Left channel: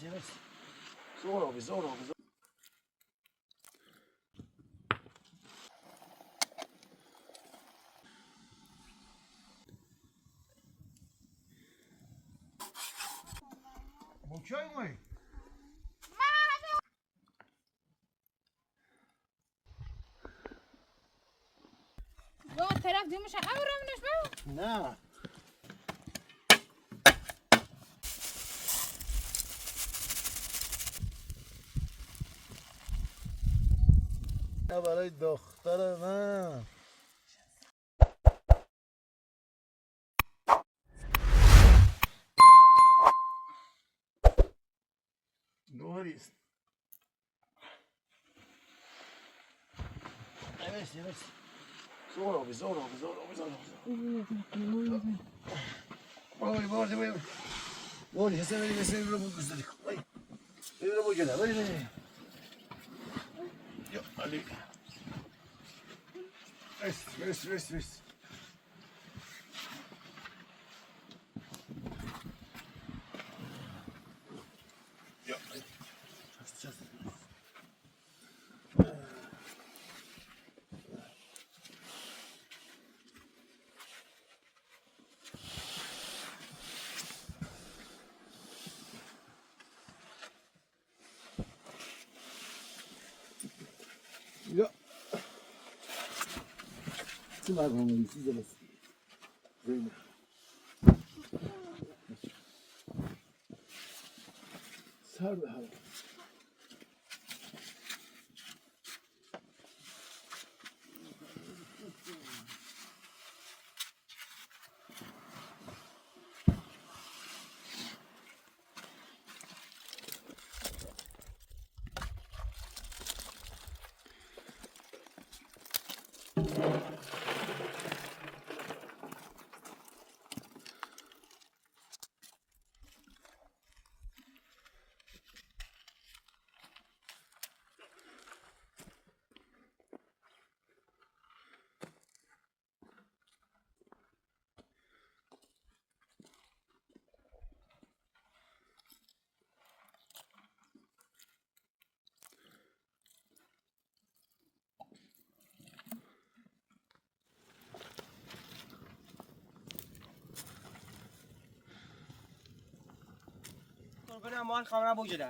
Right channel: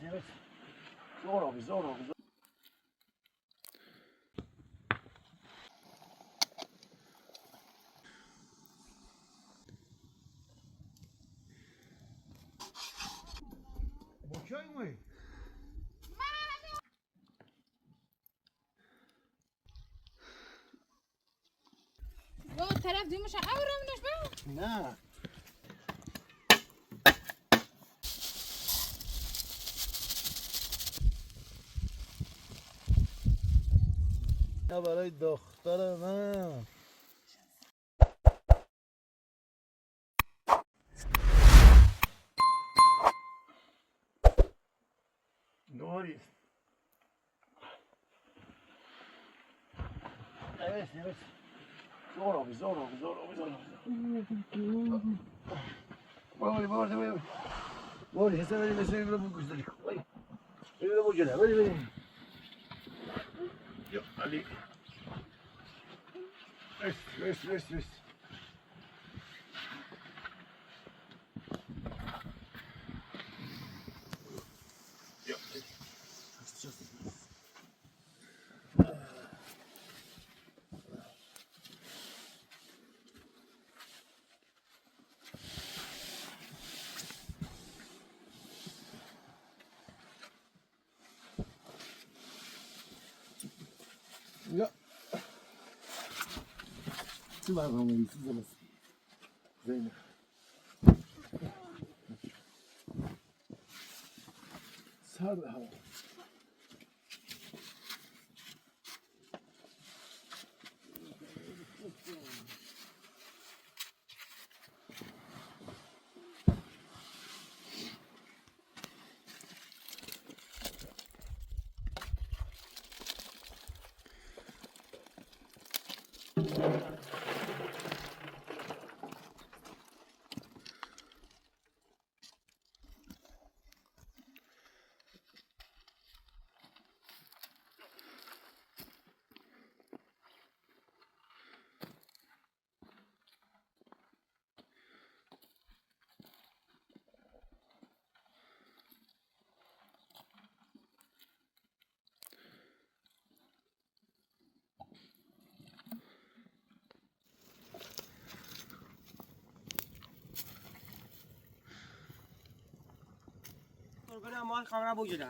Evet. Zor abi. Boçay mı? لو الطرف دي مش هقوري من شباب Ne? Ya برای دختر من Doris. Evet. Zor abi. Bora. Bora, recebe lo buco di qua. Vedi lo buco là, vedi. Io, lì. Resti. Io, just. Ja. Tu vas vraiment ici, je laisse. Zeynep. Sar be hava. کنم مال خبر بوجوده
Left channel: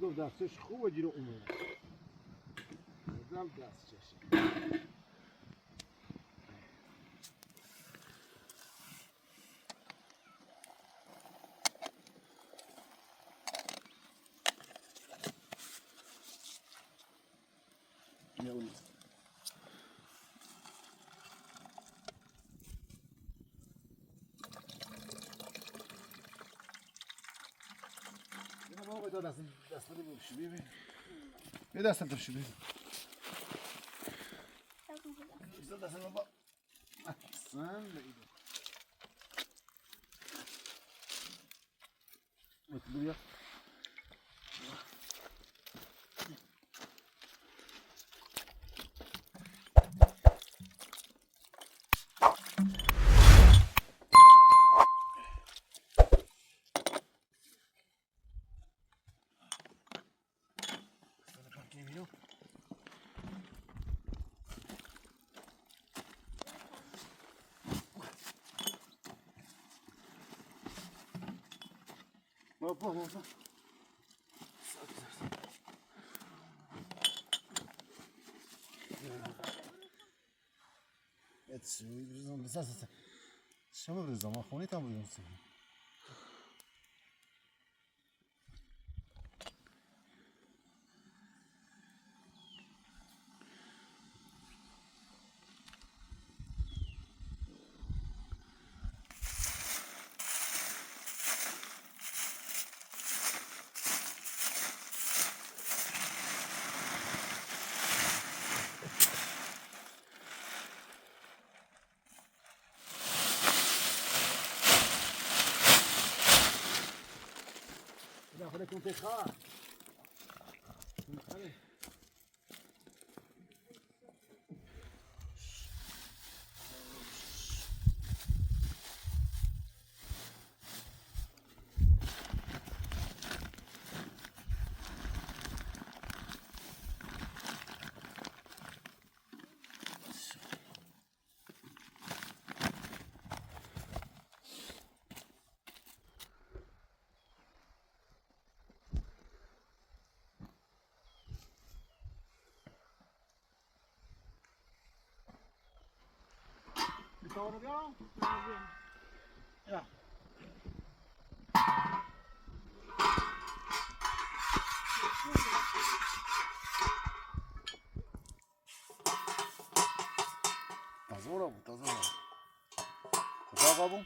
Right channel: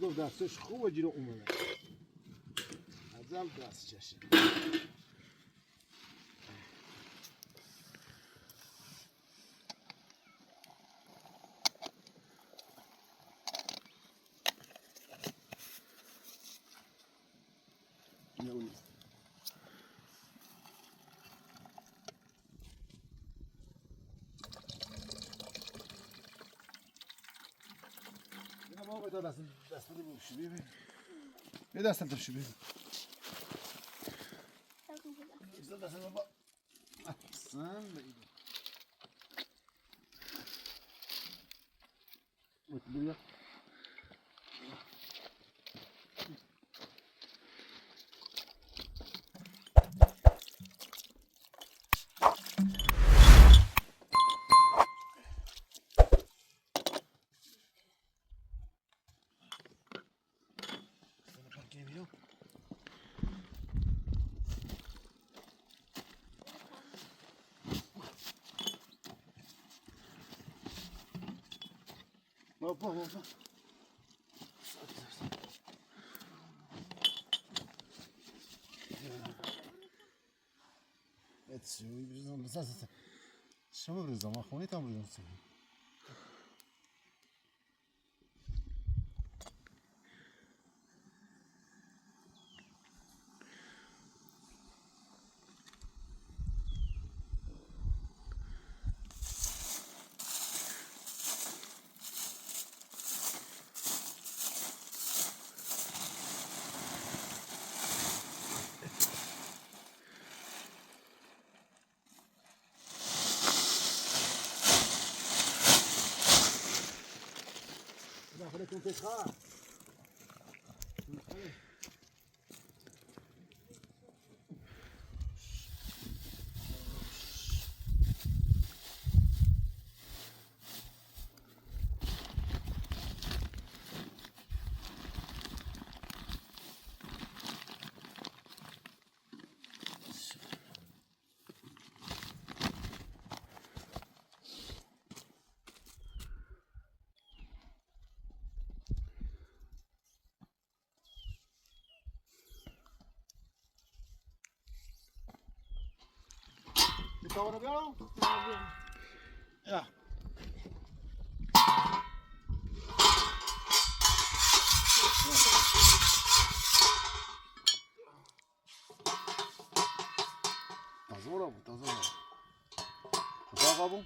Edov dستش خوبه جیره اومده ازم دستش بابا تا دست رو بکشی ببین به دستم تشو ببین دستم بابا احسن بایده بیا بابا شوی بریزم بس شما بریزم من خونی تام بریزم خودتون تخا Ahora veo. Ya. Tazora bu, tazora. Kucağa bu.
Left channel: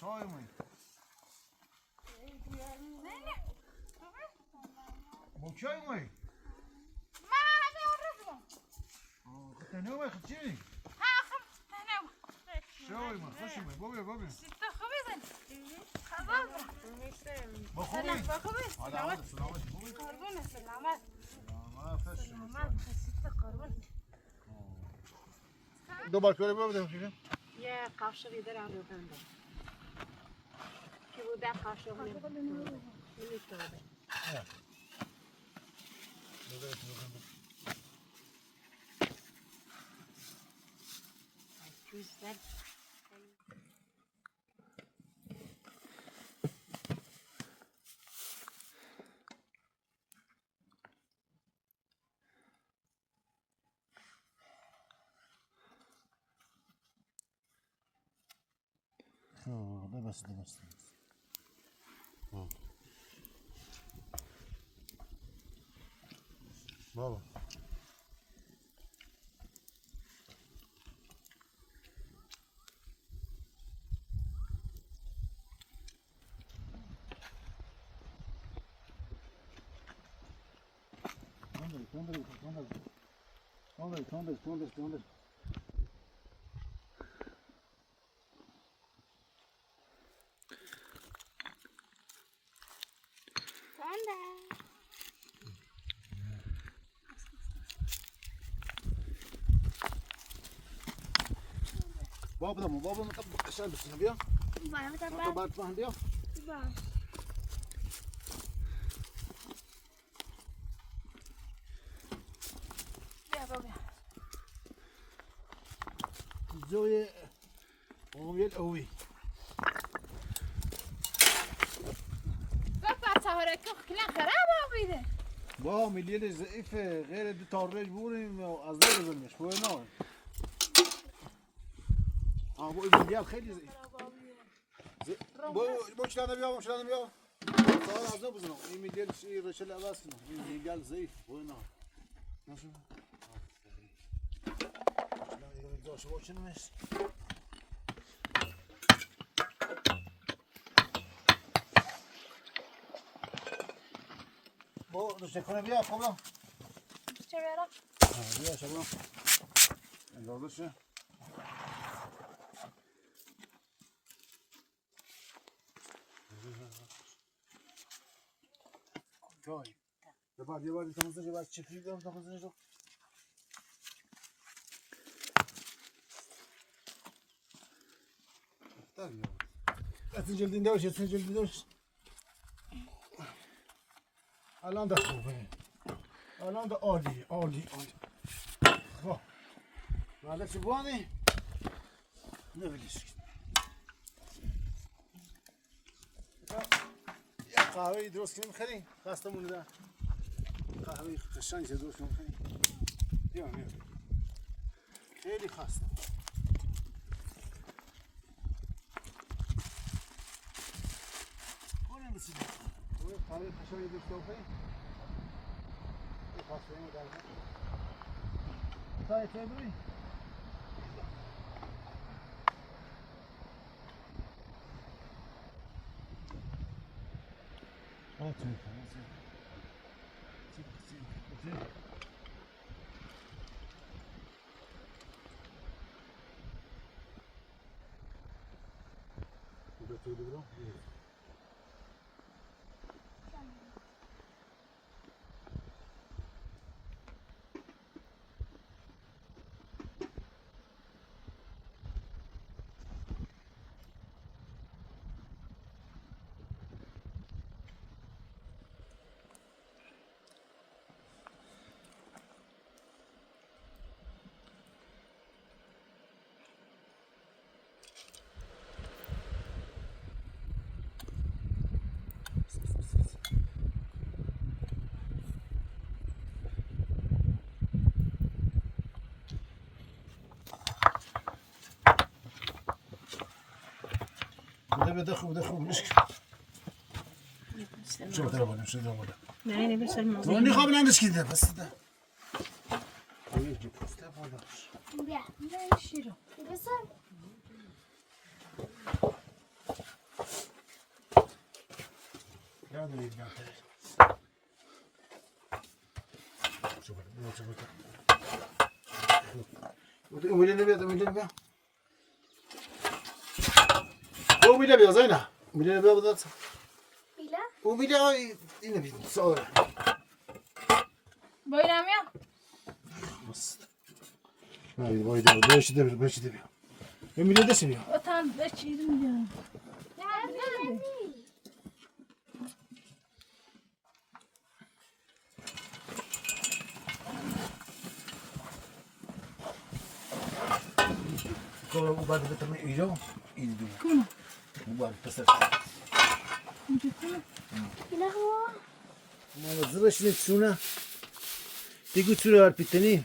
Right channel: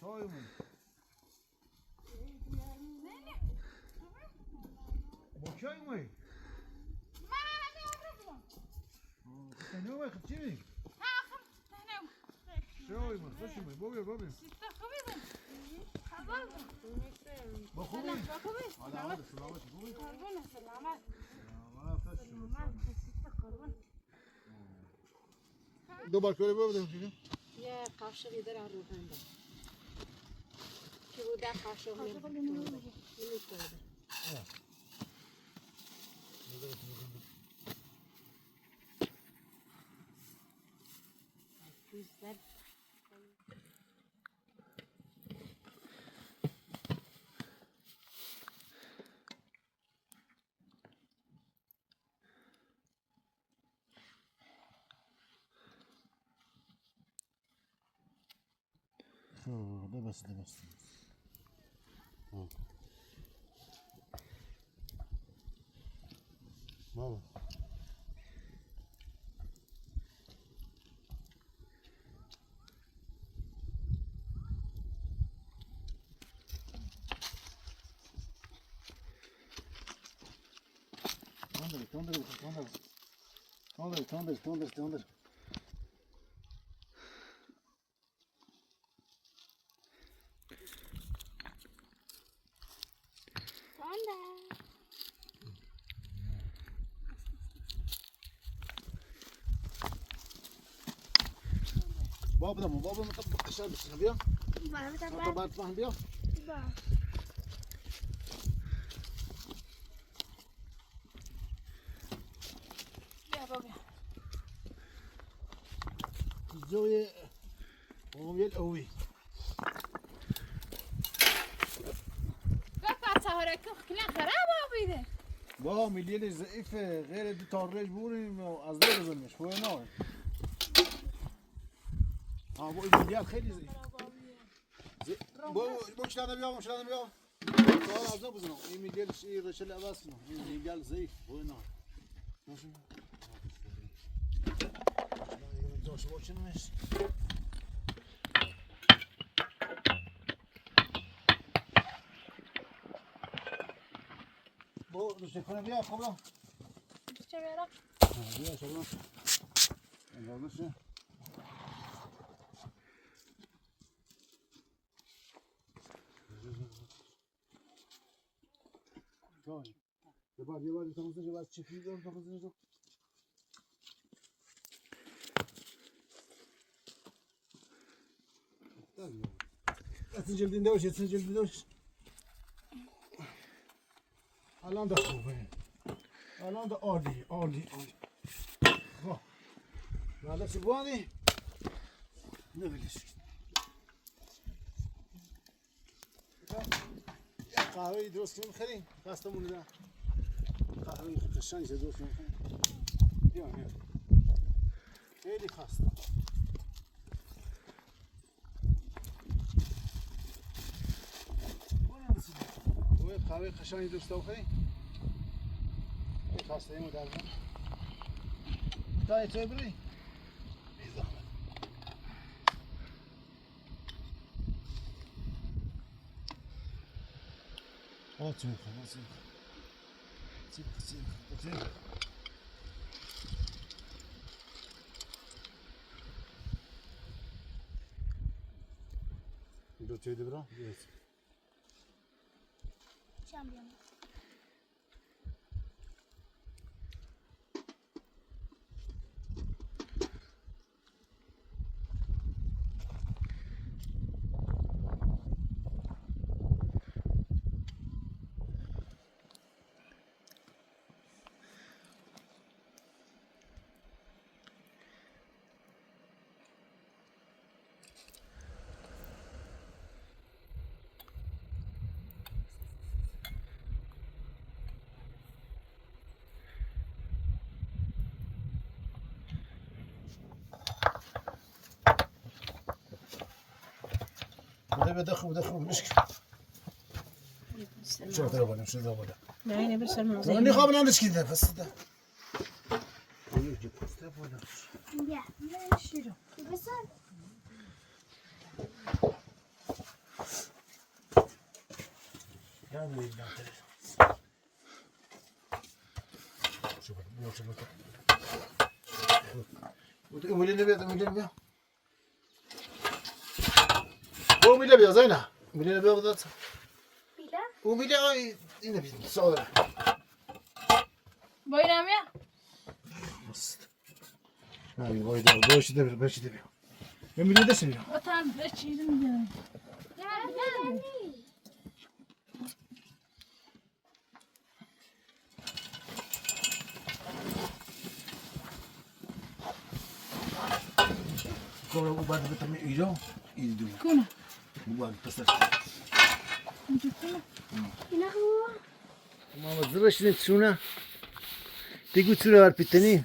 Şoyma. Bakıyor mu? ما هذا ورفضه Tanıyor musun çiğ? ها خم هنا Şoyma, şoyma. Baba. ستة خبزن خبز Bakıyor. سلام بخبز سلامات Selamat. قربون سلامات Selamat. سلامات ستة قربون Dobar şöyle böyle şimdi. یه قاشقی دارم رو بنده که بوده قاشق نمیتونه جوزد ده بس. Baba. Tondır. Baba mı? Aşağı mısın? Biliyor? Sonra batman biliyor? يا بابا الزاوية وهي القوي. بابا تصورك كلام خراب أبيده با مليون ضعيف غير دي طارج بوري از ده بزنش خواه نه با مليون خیلی ضعيف با شلانه بیا طار از ده بزنم این مليون شيء رشل عوض کنم این مليون ضعيف خواه نه نشو شلانه داشت باشنش دوست کنه بیا خب چه برم؟ بیا شما اندازش جای یه بار تماسش باید چکی دارم تماسش رو اتن جلدین دوش اتن جلدین دوش الان ده خوبه الان ده عالی عالی عالی خب بعد چه بانی نبلیش یه قهوه درست کنیم خیلی خستمون ده قهوه قشنگ درست کنیم بیا بیا خیلی خسته قهوه قشنگی درست کنیم خسته ایم در تا چه بری Otur, otur. Götüydü bro. Evet. ده خوب مشكل شو ترى شو ترى نه اینه بسر من تو نخواب نندش كده بس ده يجي بوسته ولا بیا بیا شیرو بسر يا دي لا شوف وملي نبي او میله بیا زینا میله بیا بدات میله او میله اینه بیا سوال باید بیا بس نه باید بیا بیا میله دست بیا o tam beşirim diyor Kalau ubah itu terus hijau, ini dulu. Kuna Ubah pasal. Kuna huwa Mama zırhını şuna. Tek uçurar piteni.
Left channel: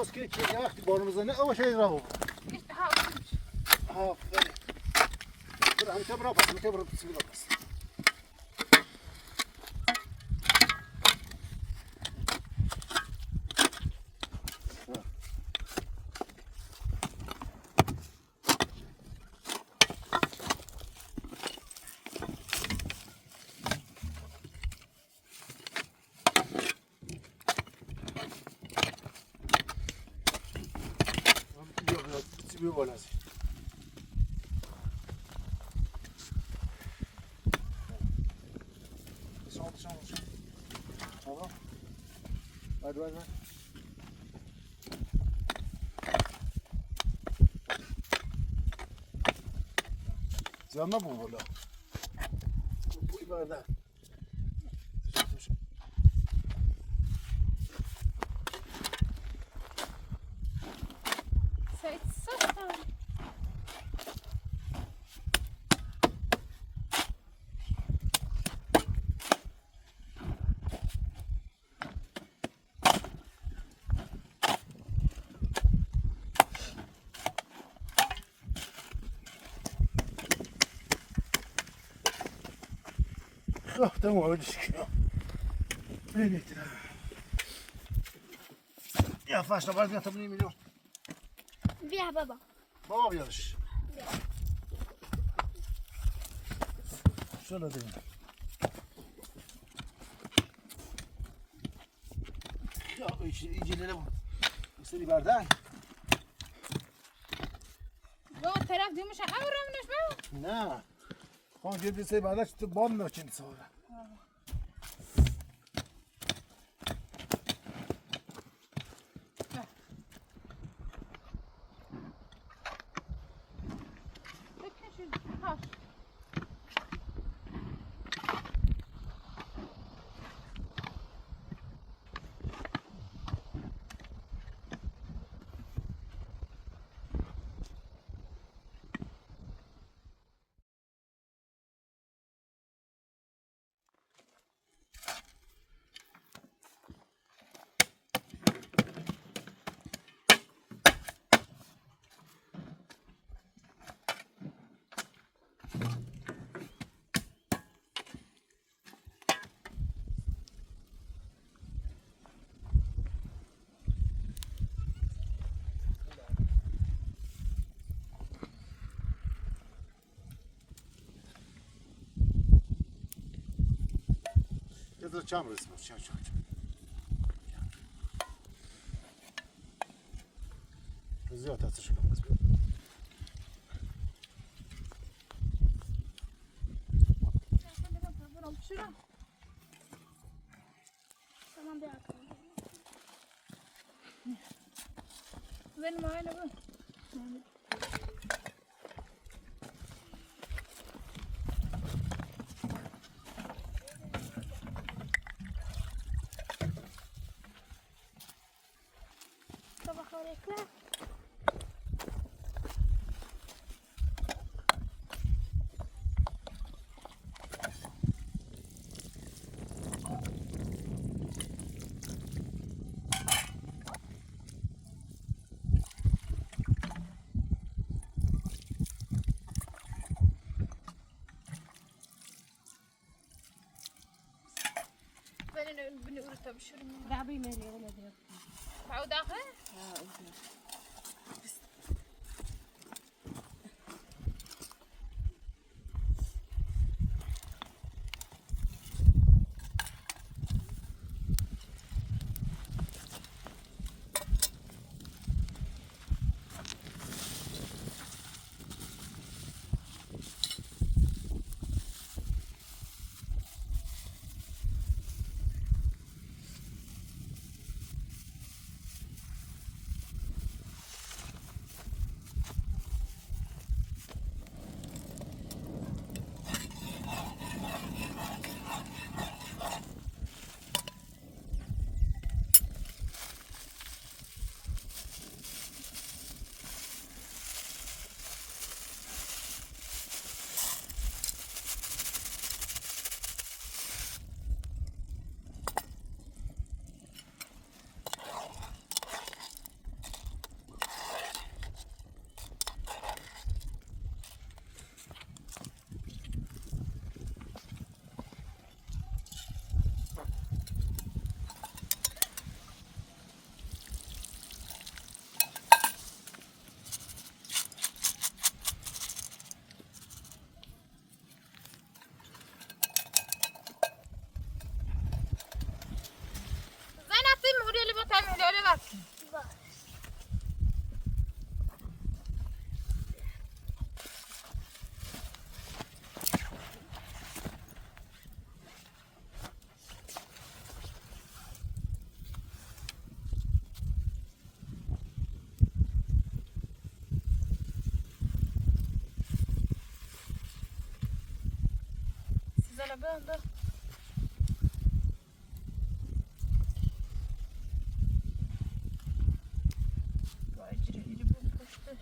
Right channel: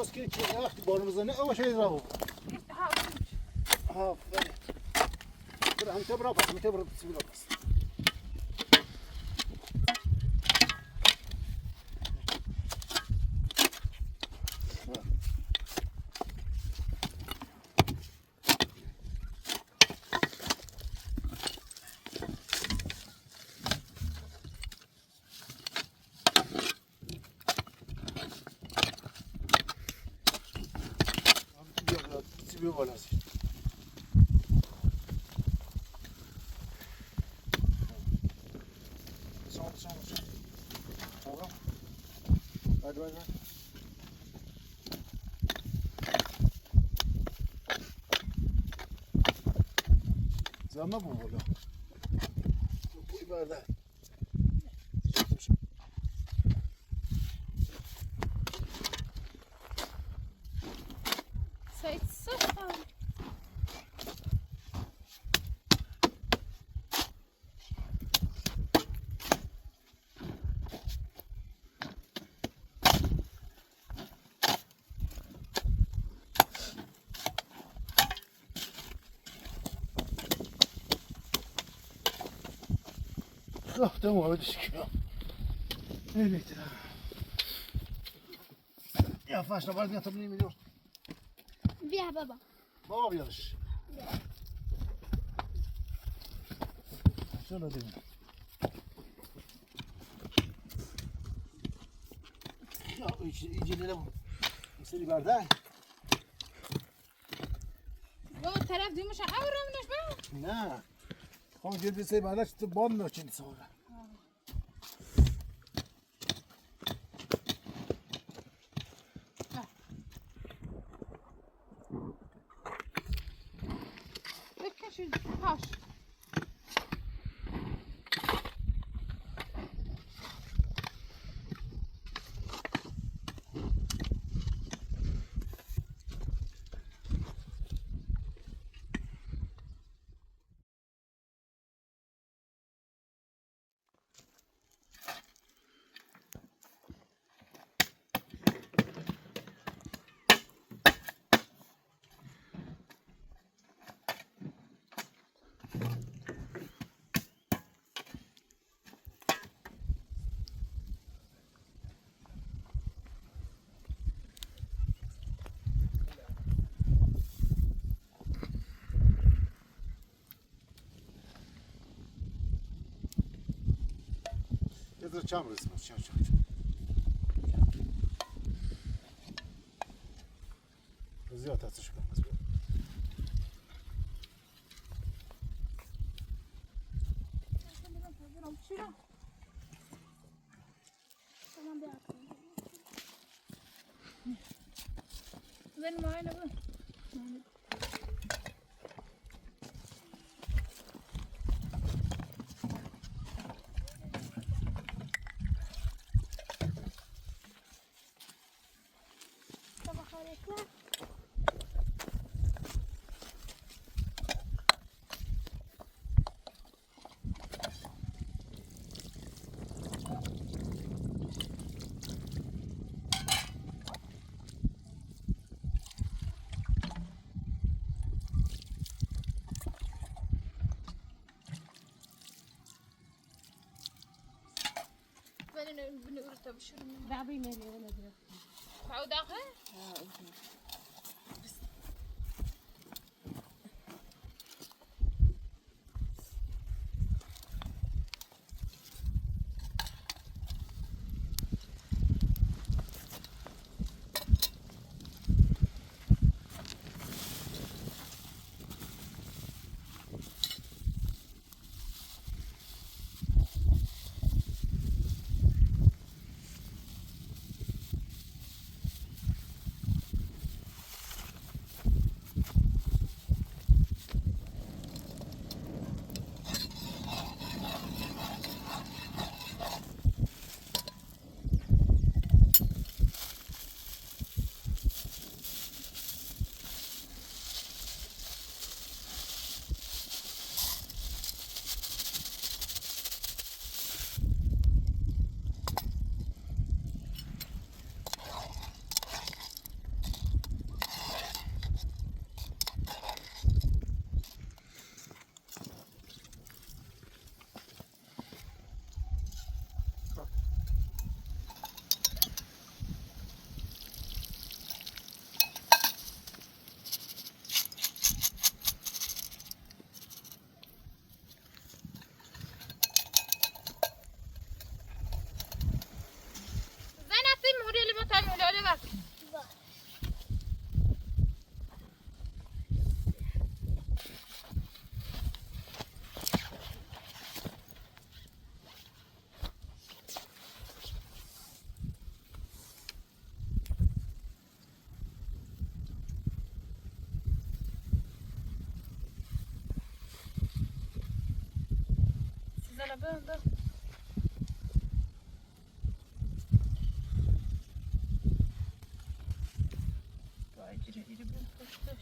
راست که چی وقتی بارون بزنه اول شاید راهو ها برو همه برو پس همه برو بسم الله پس بیا بالا بعد زمان بو بالا بوی برده سایت صفر تمام ودش كده يا فاشله بعد 180 مليون بیا بابا بابا بيرش شنو دي يجي لنا يصير برده گو طرف دیومش اورمنش بابا نه خان جدی سه بعدش تو بام میچین سواره بکشید پاش يقدر كم رسمه شو زيادة هسه كم رسمه تمام بیا زين معانا بقى بنقول تبشر دعبي مالي ولا دي تعود اخر bak. Size la ben de. Bacire iri bu poşta.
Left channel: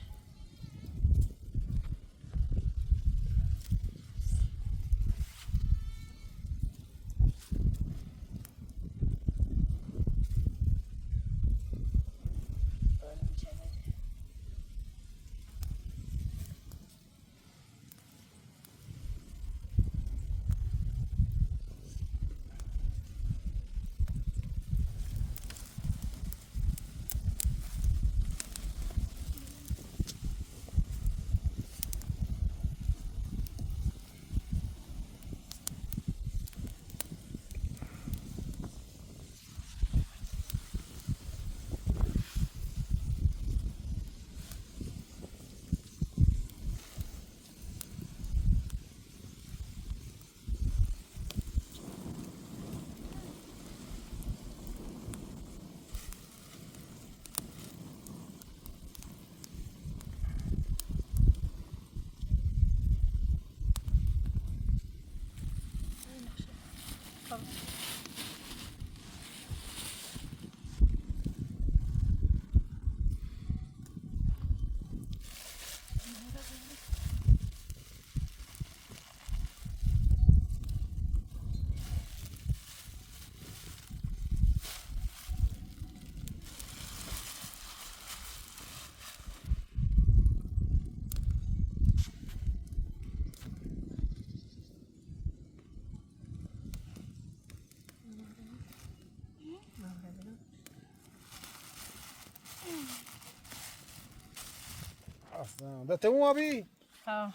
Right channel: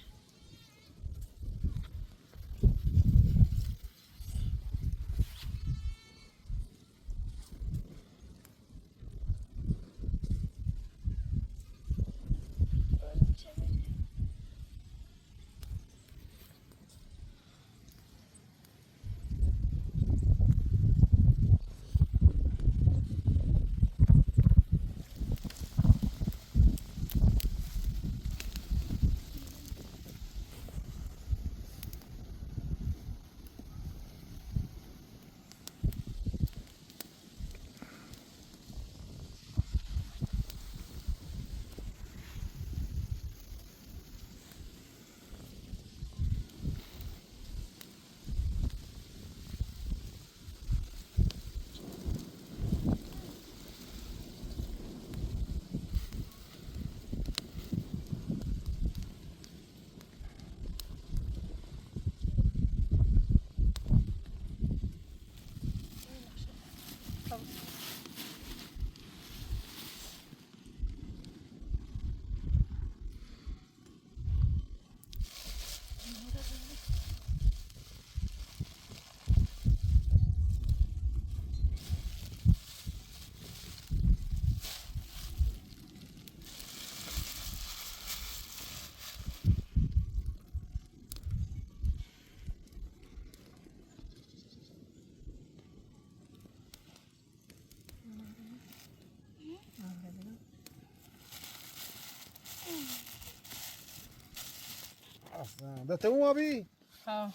اصلا ده تموم ابی ها.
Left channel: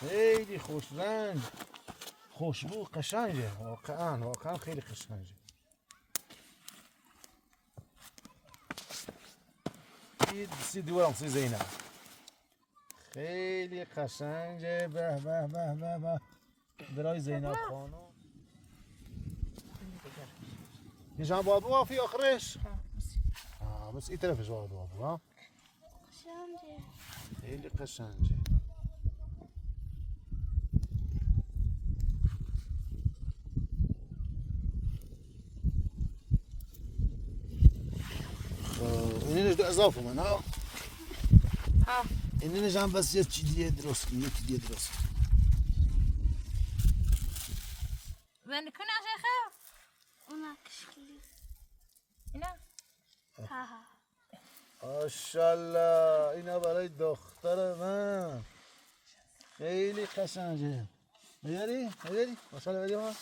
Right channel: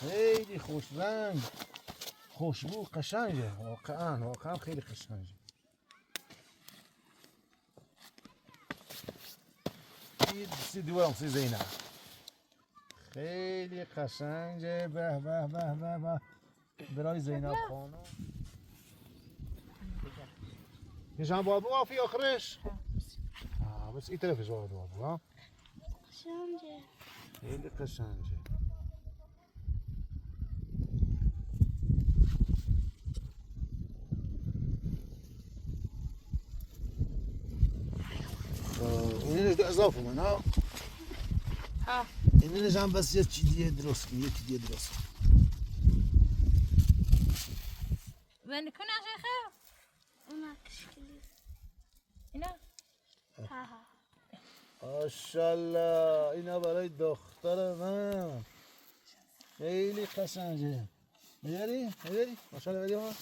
خیلی خوش رنگ خوشبو قشنگه واقعا خیلی قشنگه سی دیوارم سی زینب خیلی قشنگه به به به به به برای زینب خانم نشان بابو وافي آخرش بس این طرفش بابو ها قشنگه. خیلی قشنگه اینو اضافه من ها ها. اینو نشان بس یه چی دیگه درست کن یکی دیگه درست کن Ben کنه شیخه. اونا کشکلی. اینا. ها ها. ماشاءالله اینا برای دختر من خیلی قشنگه میاری؟ ماشاءالله بدی ما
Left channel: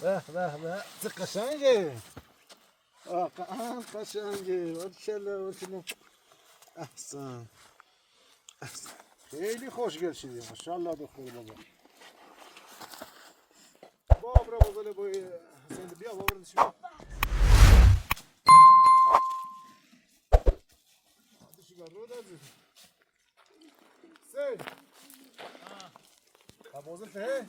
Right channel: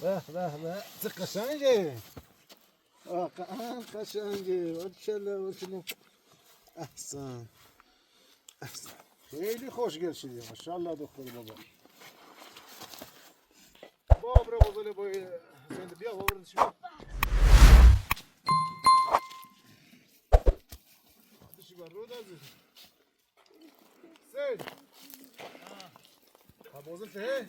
به به به چه قشنگه واقعا قشنگه ماشاءالله احسن خیلی خوشگل شدی ماشاءالله دختر بابا بابا بابا بابا زنده بیا بابا شو رو دازی سه بازم فيه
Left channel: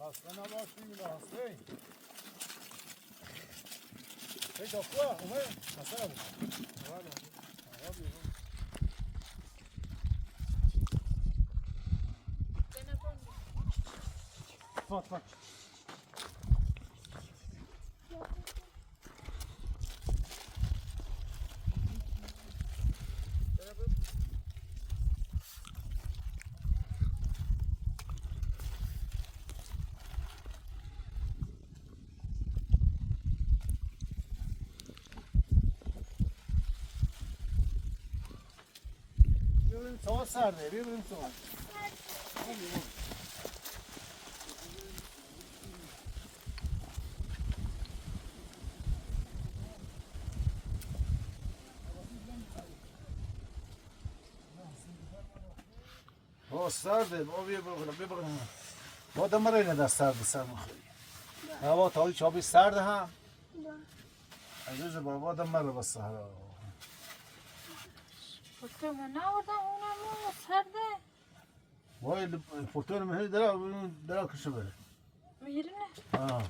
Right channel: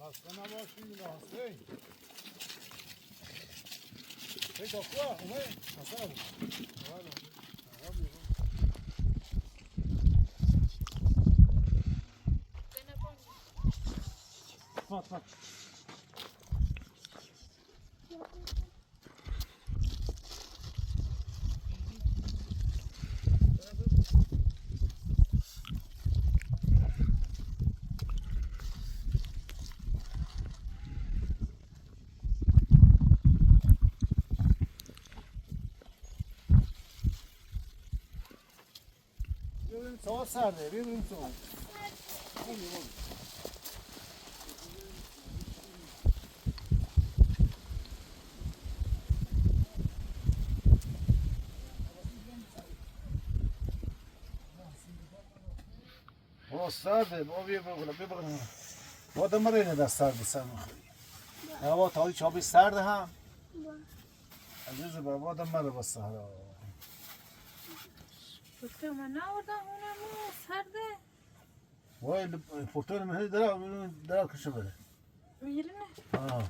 خسته نباشین لحظه هی دکتر اومد خسته نباشین فات ببینیم سوال سرده ببینیم سوال سرده بابا بیا بگم با دمره اینه دست سرد سر مخوری هوا تایی چابی سرد هم عزیز با دمره بس سهر پتر من نوردم اونم سرده وای پورتون من هی درا کشه بره میرینه آه